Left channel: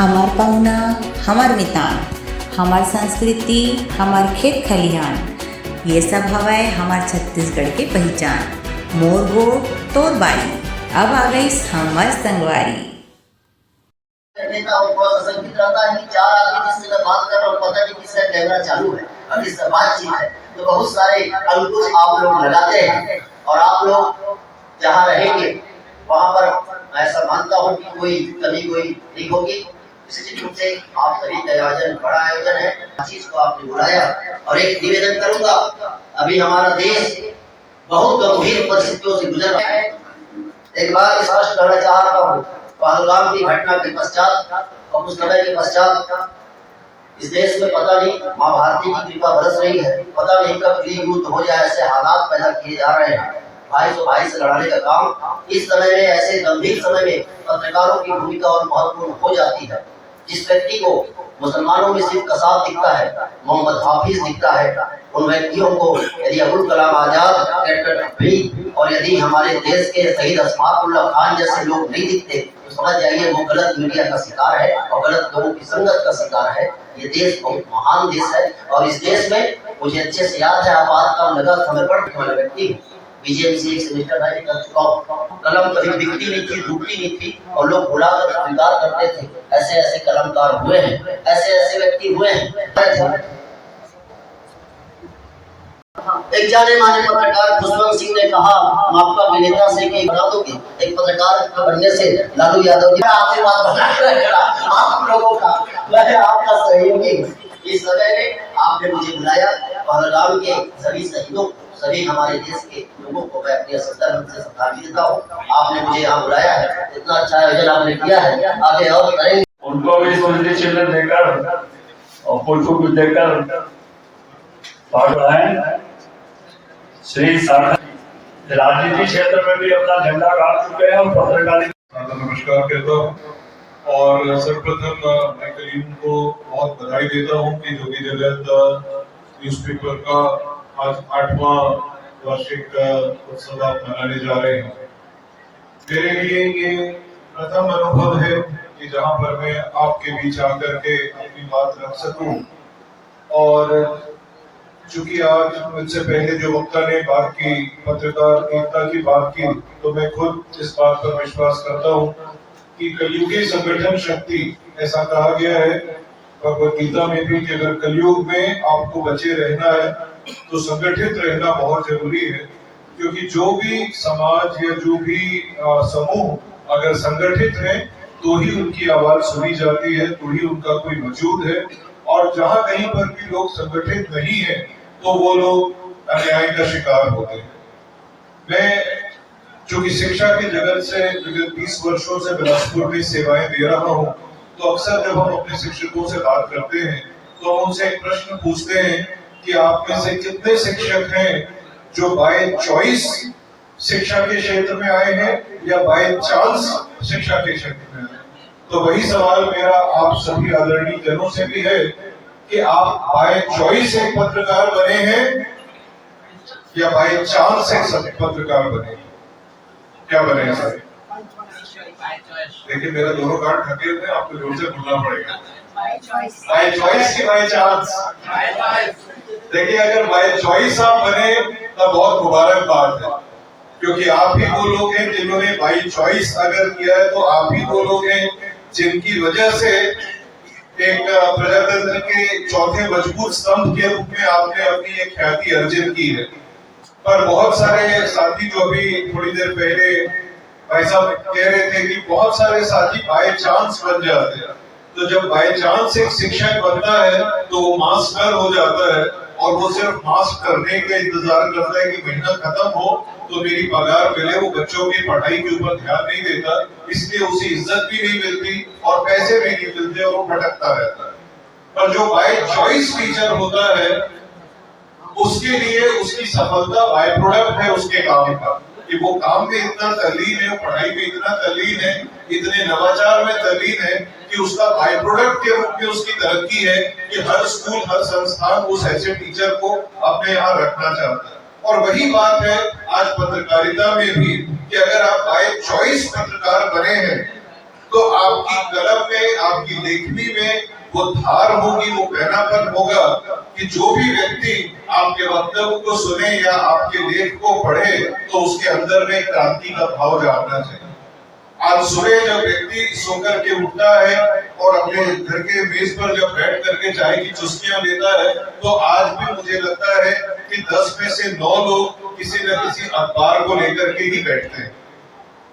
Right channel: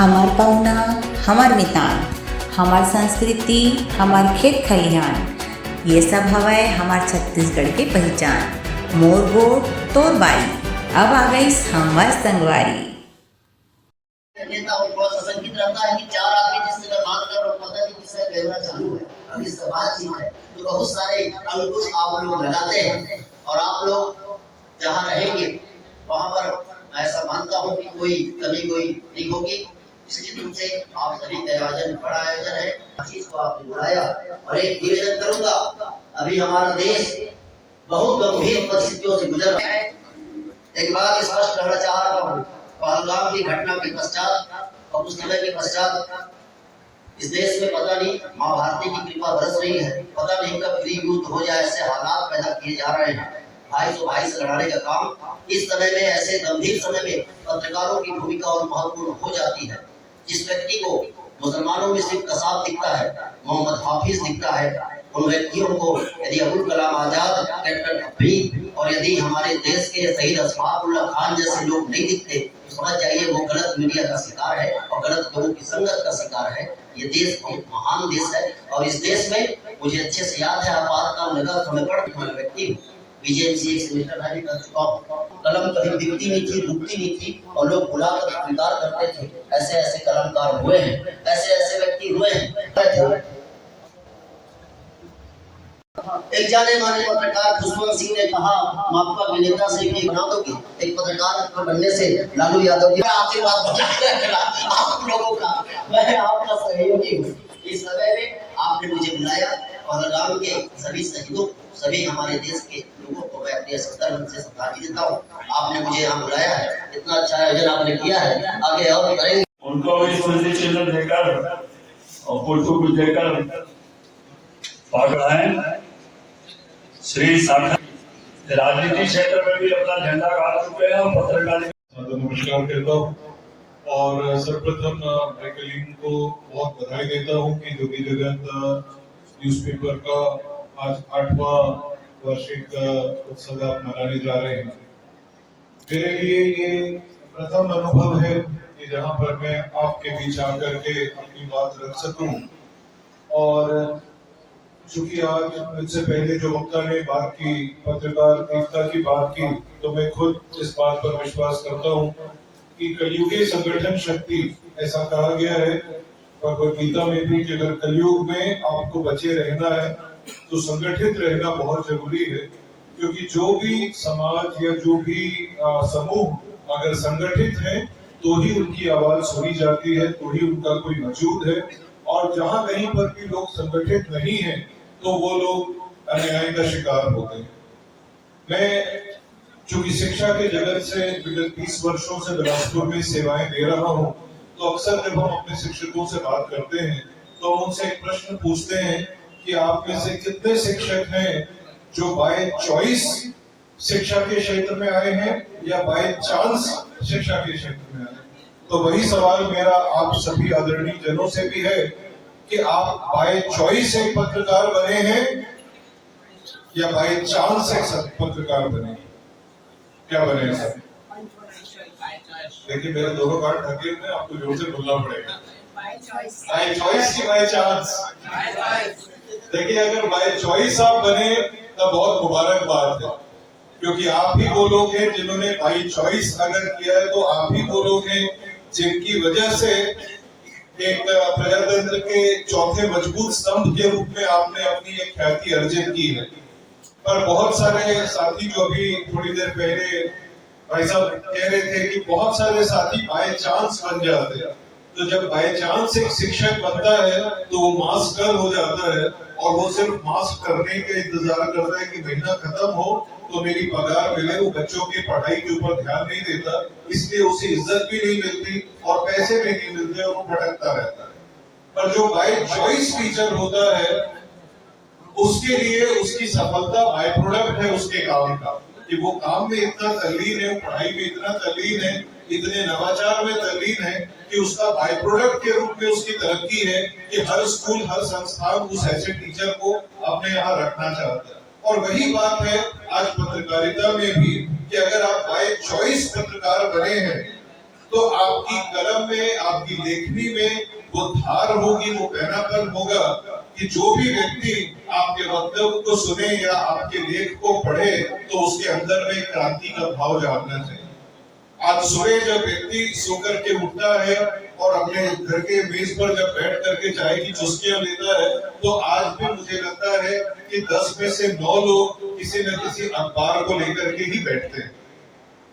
हमार पहुना, हमार मितान, हमार संस्कृति, हमार खेत खलिहान, ये सब हवाए हमार छत्तीसगढ़ के पहचान। मोर गोट तोर बारी, अब आ गई हमार संगवारी। नेता और बहुत असंगीत रहता है कि चार आदमी जिससे मैं बात कर रहा हूँ पता नहीं किसका कैमरा चालू है और किससे बातचीत है, तो बहुत सारे अंकुश आप लोग लगाते हैं और आप लोग जहाँ रहेंगे वहाँ पर मैं ऐसा मानता हूँ कि कोई कमी कोई नहीं होगी। निश्चित रूप से आप सभी का आयोजन बड़ा आयोजन है, चीज को आपने बुलाया और एक निवेदन करूंगा, अभी हमारा देश बहुत गंभीर परिस्थितियों से गुजर रहा है। एक बात स्पष्ट करना चाह रहा हूँ, पहलगाम की घटना के पश्चात और कुछ समय के पश्चात इस देश में पता नहीं माँ भारती की कृपा बरस रही है, पता नहीं कब गृह युद्ध हो जाए, ऐसे हालात पैदा किए जा रहे हैं। भाई से लड़ाने का काम इस समय में, ऐसे गंभीर समय में पत्रकारों की भूमिका और महत्वपूर्ण हो जाती है। जिस व्यक्ति को मुसलमानों में सिर्फ कसाब दिखता है, मोहम्मद हाफिज दिखता है, उन व्यक्तियों को यदि अबुल कलाम आजाद, कैप्टन अब्बी और यदि हमारे देश के शहीद अशफाकुल्लाह खान जैसे लोग नहीं दिखते तो समझ जाइए वो गलत मीडिया का शिकार है और गलत लोगों की संगत का शिकार है। ये देश बहुत महान देश है और इस देश में मुझे अच्छे से याद है, आपातकाल नगर हमें पढ़ने वाला व्यक्ति हूँ, बीजेएमसी एक सेमेस्टर में कर चुका हूँ। कलम कभी बिकती नहीं थी, रुकती नहीं थी और लोग बुलाकर स्वीकार करते थे। ऐसे ऐसे कलमकार हुए हैं, ऐसे ऐसे व्यक्ति हुए हैं। एक जाने माने पत्रकार खुशवंत सिंह ने कहा आपका अभिनेता से कि बना दोगे, एक पत्रकार बनने से लालू यादव जी आशीर्वाद बनाए रखना आप लोगों का, मैं आपका सहयोगी हूँ। इस समय में आपने मुझे बुलाया, पहलगाम के सभी शहीदों, सभी हमारे देश के लोगों को मैं अपने सत्तर से श्रद्धांजलि देता हूँ। आपने मुझे यहाँ बुलाया है, इतना अच्छा आयोजन आपने किया है, आगे और करेंगे। उनको भी स्मृति चिन्ह देकर और पुष्प देकर है। श्री सागर राजनीति क्षेत्र में भी अपना झंडा गाड़ चुके हैं और पत्रकारिता। नमस्कार कहता हूँ और सर्वप्रथम मैं कलीम को बहुत बधाई देता हूँ कि जोगी जगत न्यूज़पेपर का आज 8वां वार्षिक उत्सव आप मनाने जा रहे हैं। मेरे लिए ये प्रथम अनुभव है कि जहाँ पर मैं आपके बीच आकर के अपनी बात रख सकूं, और चूंकि आज मुझसे पहले जो वक्ता ने बात की, पत्रकार एकता की बात की, तो मैं खुद इस बात पर विश्वास करता हूँ कि कलयुगी संगठन शक्ति, ऐसा कहा गया है भगवद गीता में भी कि अगर कलयुग में आपको बचे रहना है तो संगठित रहना बहुत जरूरी है, क्योंकि जो भी समाज या जो भी समूह अगर संगठित है तो ही उनकी आवाज सुनी जाती है, तो ही उनका कोई वजूद है। और जहां कहीं पर भी लोग संगठित नहीं है तो वो लोग अन्याय का शिकार होते हैं। मैं चूंकि शिक्षा के जगत से विगत 20 वर्षों से बिलासपुर में सेवाएं दे रहा हूं, तो अक्सर जब हम अपने शिक्षकों से बात करते हैं तो हम उनसे एक प्रश्न पूछते हैं कि आप में से कितने शिक्षक हैं जो बाय चॉइस शिक्षा के क्षेत्र में आए हैं या बाय चांस शिक्षा के क्षेत्र में आए। तो वही सवाल मेरा आप सभी आदरणीय जनों से भी है कि आप बाय चॉइस एक पत्रकार बने हैं या बाय चांस एक पत्रकार बने, क्या बने हैं सर? देखिए मेरा दोनों कार्ड ढके हुए हैं, आपको जोर से बोलना पड़ेगा। बाय चॉइस की बाय चांस? देखिए अगर बाय चॉइस आप बने तब बहुत मुबारक बात है, क्योंकि आप ही वो लोग हैं जिन्होंने बाय चॉइस अगर किया है, तो आप ही वो लोग हैं जिनकी वजह से एक प्रजातंत्र के चौथे मजबूत स्तंभ के रूप में आपने अपनी एक ख्याति अर्जित की है। पर बहुत सारे साथी जो अभी थोड़ी देर पहले भाई साहब कह रहे थे कि बहुत सारे साथी बाय चांस बन जाते हैं, तो जब बाय चांस एक शिक्षक बनता है तो वो मास्टर हो जाता है और वो सिर्फ मास्क करने का इंतजार करता है कि महीना खत्म हो तो मेरी पगार मिले। वो बच्चों की पढ़ाई के ऊपर ध्यान नहीं देता, इसलिए उसे इज्जत भी नहीं मिलती और पैसे भी नहीं मिलते और वो भटकता रहता है। पर जो बाय चॉइस टीचर होता है उसके लिए उसकी सफलता बाय प्रोडक्ट है उसके काम का, कि वो काम में इतना तल्लीन है, पढ़ाई में इतना तल्लीन है, इतने नवाचार में तल्लीन है कि उसका बाय प्रोडक्ट के रूप में उसकी तरक्की है कि हर स्कूल हर संस्थान उस ऐसे टीचर को अपने यहाँ रखना चाहता है। और वही बात है आज पत्रकारिता में भी कि अगर आप बाय चॉइस पत्रकार बने हैं तो आपकी कलम में, आपकी लेखनी में वो धार होगी, वो पैनापन होगा कि जो भी व्यक्ति आपके वक्तव्य को सुने या आपके लेख को पढ़े तो उसके अंदर में क्रांति का भाव जागना चाहिए। आज सुबह जब व्यक्ति सोकर के उठता है और अपने घर के मेज पर जब बैठ करके चाय की चुस्कियां लेता है, तो आज भी मुझे लगता है कि 10 में से 9 लोग किसी न किसी अखबार को लेकर के ही बैठते हैं।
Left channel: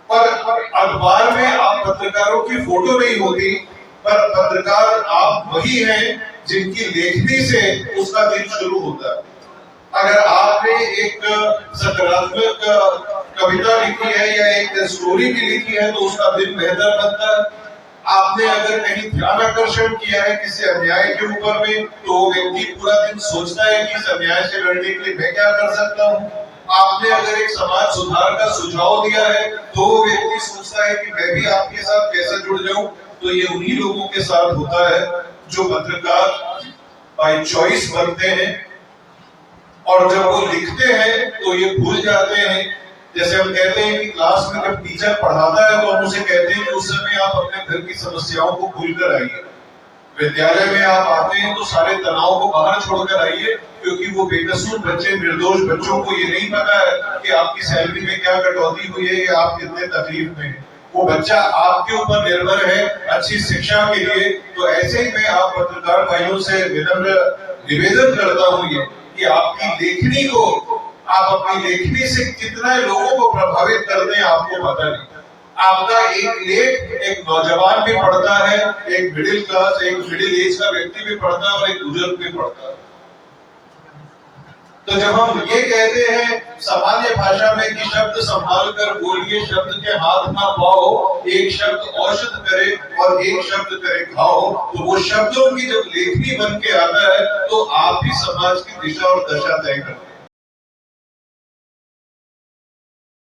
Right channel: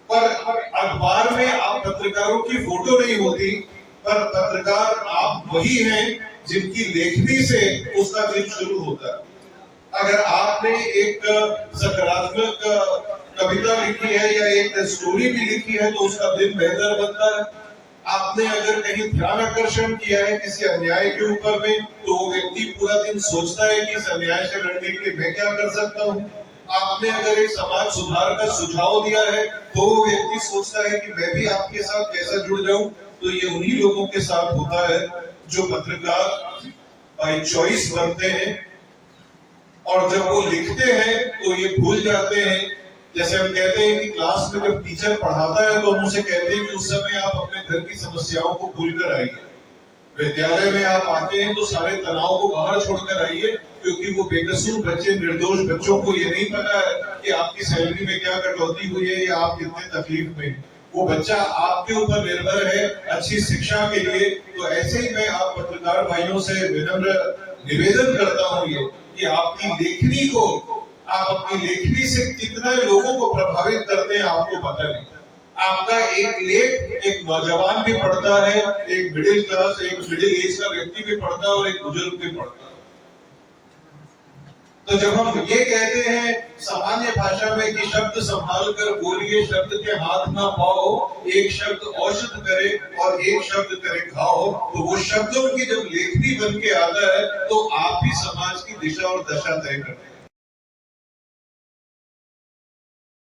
पर अखबार में आप पत्रकारों की फोटो नहीं होती, पर पत्रकार आप वही हैं जिनकी लेखनी से उसका दिन शुरू होता है। अगर आपने एक सकारात्मक कविता लिखी है या एक स्टोरी भी लिखी है तो उसका दिन बेहतर बनता है। आपने अगर कहीं ध्यान आकर्षण किया है किसी अन्याय के ऊपर में, तो वो व्यक्ति पूरा दिन सोचता है कि इस अन्याय से लड़ने के लिए मैं क्या कर सकता हूँ। आपने अगर एक समाज सुधार का सुझाव दिया है तो वो व्यक्ति सोचता है कि मैं भी आपके साथ कैसे जुड़ जाऊं। तो ये उन्हीं लोगों के साथ होता है जो पत्रकार बाय चॉइस बनते हैं, और जब वो लिखते हैं तो ये भूल जाते हैं। जैसे हम कहते हैं कि क्लास में जब टीचर पढ़ाता है तो हम उसे कहते हैं कि उस समय आप अपने घर की समस्याओं को भूलकर आइए। विद्यालय में आप आते हैं तो सारे तनाव को बाहर छोड़कर आइए, क्योंकि वो बेकसूर बच्चे, निर्दोष बच्चों को ये नहीं पता है कि आपकी सैलरी में क्या कटौती हुई है या आप कितने तकलीफ में हैं। वो बच्चा आपके ऊपर निर्भर है अच्छी शिक्षा के लिए। तो ऐसे ही मैं आप पत्रकार भाइयों से विनम्र निवेदन करता हूँ ये कि आपकी लेखनी को, आप अपनी लेखनी से कितना लोगों को प्रभावित करते हैं आपको पता नहीं। आपका एक लेख एक नौजवान भी पढ़ता है, एक मिडिल क्लास, एक मिडिल एज का व्यक्ति भी पढ़ता है और एक बुजुर्ग भी पढ़ता है। तो जब हम ये कहते हैं सामान्य भाषा में कि शब्द संभाल कर बोलिए, शब्द के हाथ ना पाओ, एक शब्द औषध करे और एक शब्द करे घाव, तो वो शब्दों की जब लेखनी बन के आता है तो आप ही समाज की दिशा और दशा तय करते हैं।